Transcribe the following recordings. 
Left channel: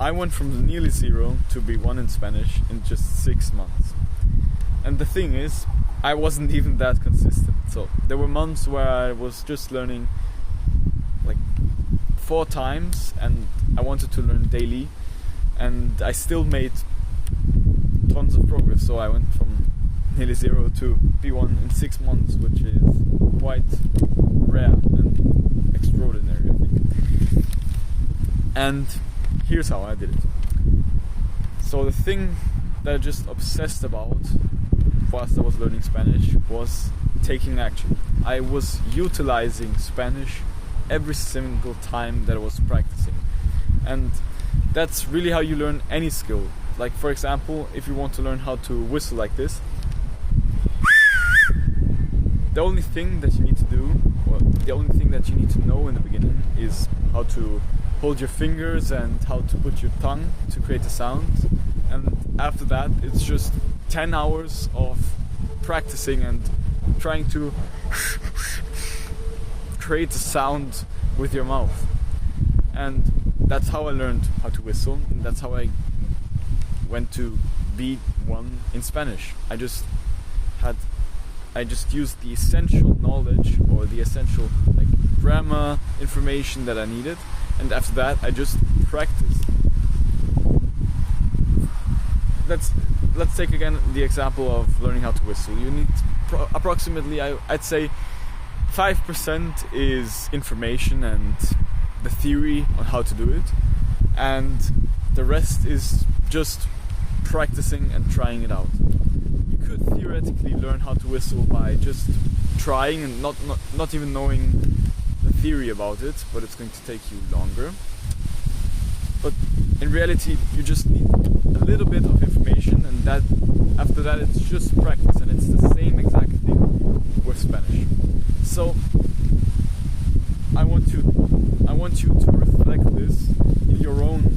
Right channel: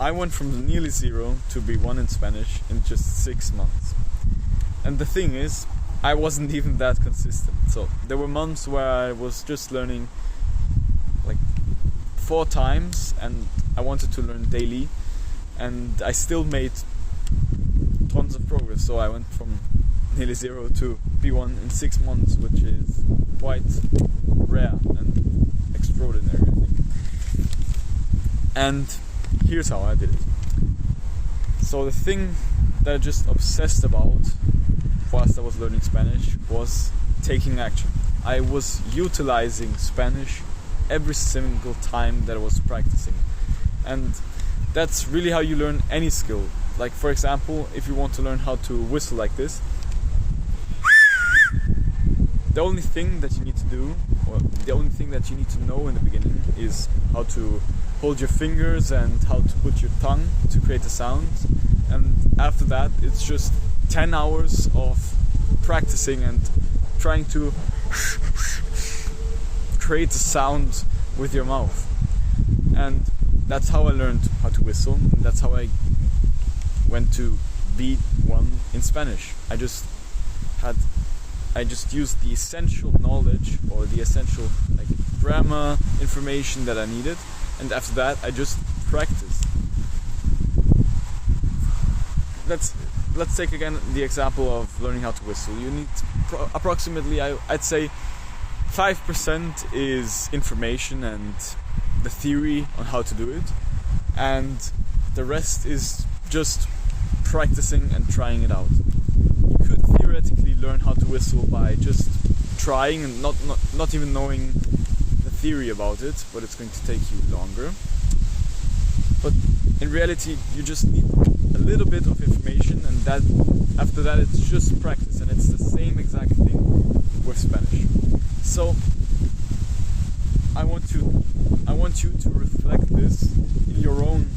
I went from nearly zero to B1 in Spanish in just 6 months. And the thing is, I wasn't even that consistent. So there were months where I was just learning like 4 times, and I wanted to learn daily, and I still made tons of progress. So I went from nearly zero to B1 in 6 months, which is quite rare and extraordinary, I think. And here's how I did it. So the thing that I just obsessed about whilst I was learning Spanish was taking action. I was utilizing Spanish every single time that I was practicing. And that's really how you learn any skill. Like, for example, if you want to learn how to whistle like this, the only thing that you need to do, or the only thing that you need to know in the beginning, is how to hold your fingers and how to put your tongue to create a sound. And after that, it's just 10 hours of practicing and trying to create a sound with your mouth. And that's how I learned how to whistle, and that's how I went to B1 in Spanish. I just used the essential knowledge, or the essential like grammar information that I needed, and after that I just practiced. Let's take again the example of learning how to whistle. You need approximately, I'd say 5% is information and the theory on how to do it, and the rest is just practicing and trying it out. You could theoretically learn how to whistle by just trying and not even knowing the theory about it, but it's going to take you longer. But in reality, you just need a little bit of information, and that after that it's just practice, and it's the same exact thing with Spanish. So I want you to reflect this in your own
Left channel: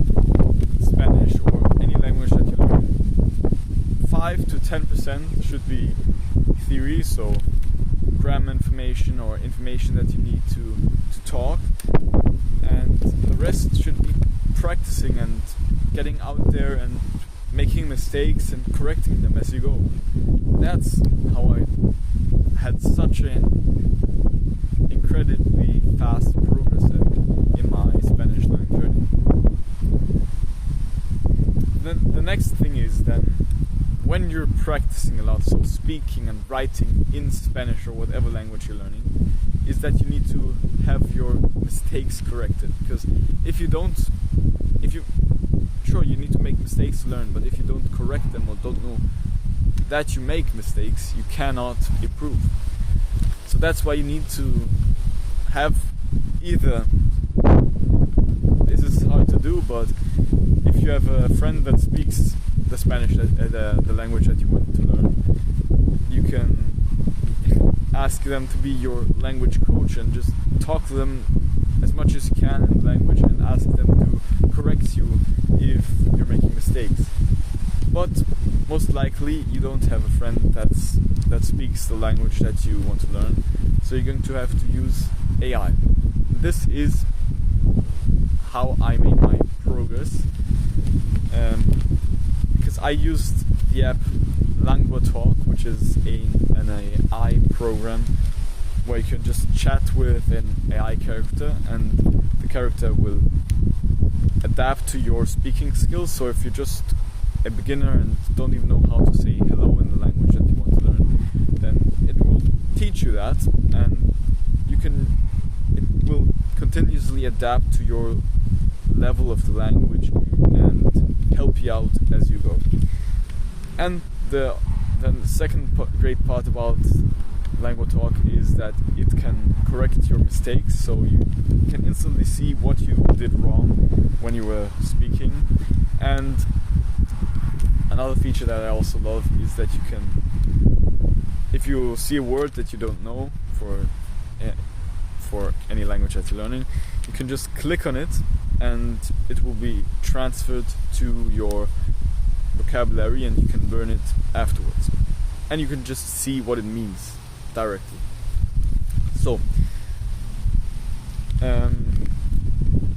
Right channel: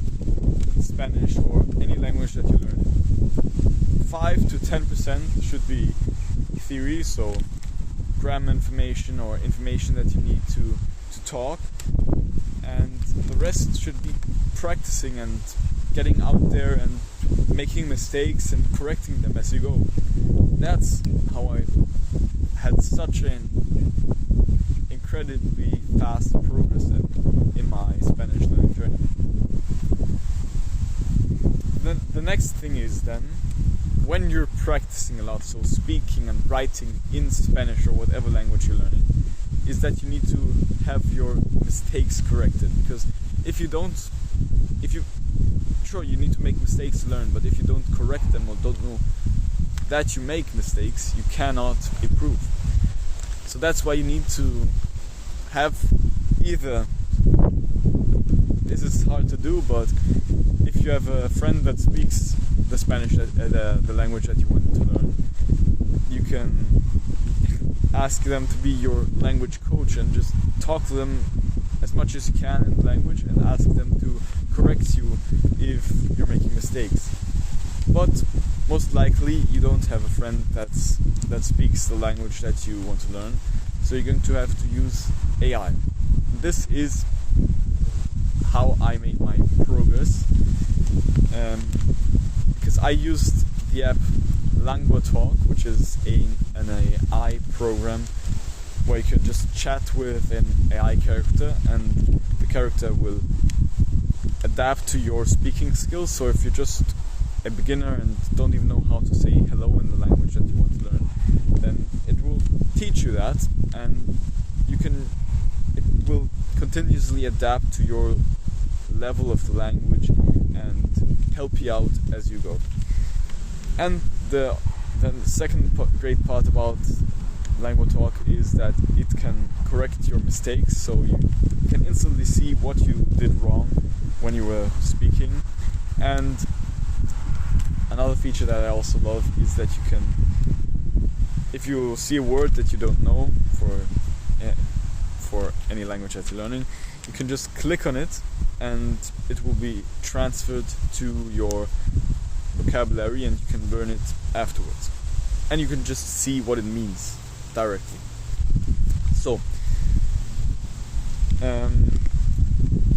Spanish or any language that you learn. 5 to 10% should be theory, so grammar information or information that you need to talk, and the rest should be practicing and getting out there and making mistakes and correcting them as you go. That's how I had such an incredibly fast progress in my Spanish learning journey. Then the next thing is then, when you're practicing a lot, so speaking and writing in Spanish or whatever language you're learning, is that you need to have your mistakes corrected. Because sure, you need to make mistakes to learn, but if you don't correct them or don't know that you make mistakes, you cannot improve. So that's why you need to have either, this is hard to do, but if you have a friend that speaks the Spanish, the language that you want to learn, you can ask them to be your language coach and just talk to them as much as you can in language and ask them to correct you if you're making mistakes. But most likely you don't have a friend that speaks the language that you want to learn, so you're going to have to use AI. This is how I made my progress, because I used the app LanguaTalk, which is an AI program where you can just chat with an AI character, and the character will adapt to your speaking skills. So if you're just a beginner and don't even know how to say hello in the language that you want to learn, then it will teach you that, and it will continuously adapt to your level of the language and help you out as you go. And the second great part about LanguaTalk is that it can correct your mistakes, so you can instantly see what you did wrong when you were speaking. And another feature that I also love is that you can, if you see a word that you don't know for any language that you're learning, you can just click on it and it will be transferred to your vocabulary, and you can learn it afterwards. And you can just see what it means directly. So,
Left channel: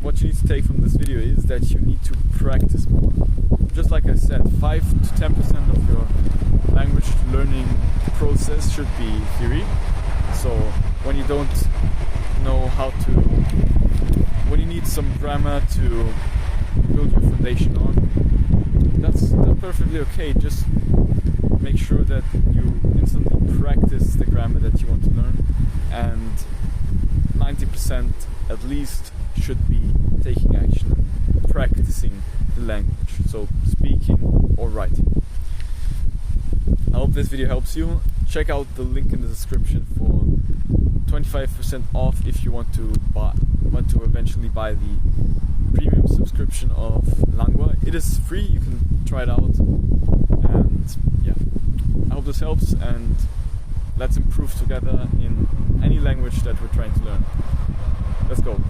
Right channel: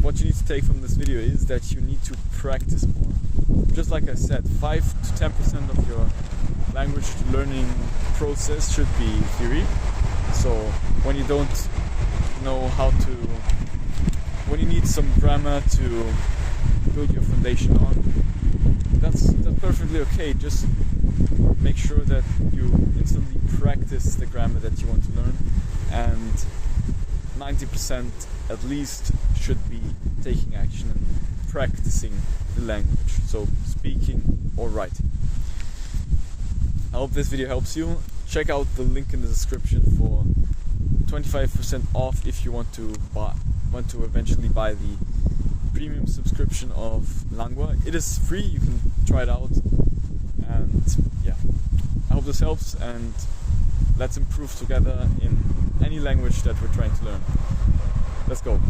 what you need to take from this video is that you need to practice more. Just like I said, 5 to 10% of your language learning process should be theory. So when you don't know when you need some grammar to build your foundation on, that's perfectly okay. Just make sure that you instantly practice the grammar that you want to learn, and 90% at least should be taking action and practicing the language, so speaking or writing. I hope this video helps you. Check out the link in the description for 25% off if you want to eventually buy the premium subscription of Langua. It is free, you can try it out, and yeah, I hope this helps, and let's improve together in any language that we're trying to learn. Let's go.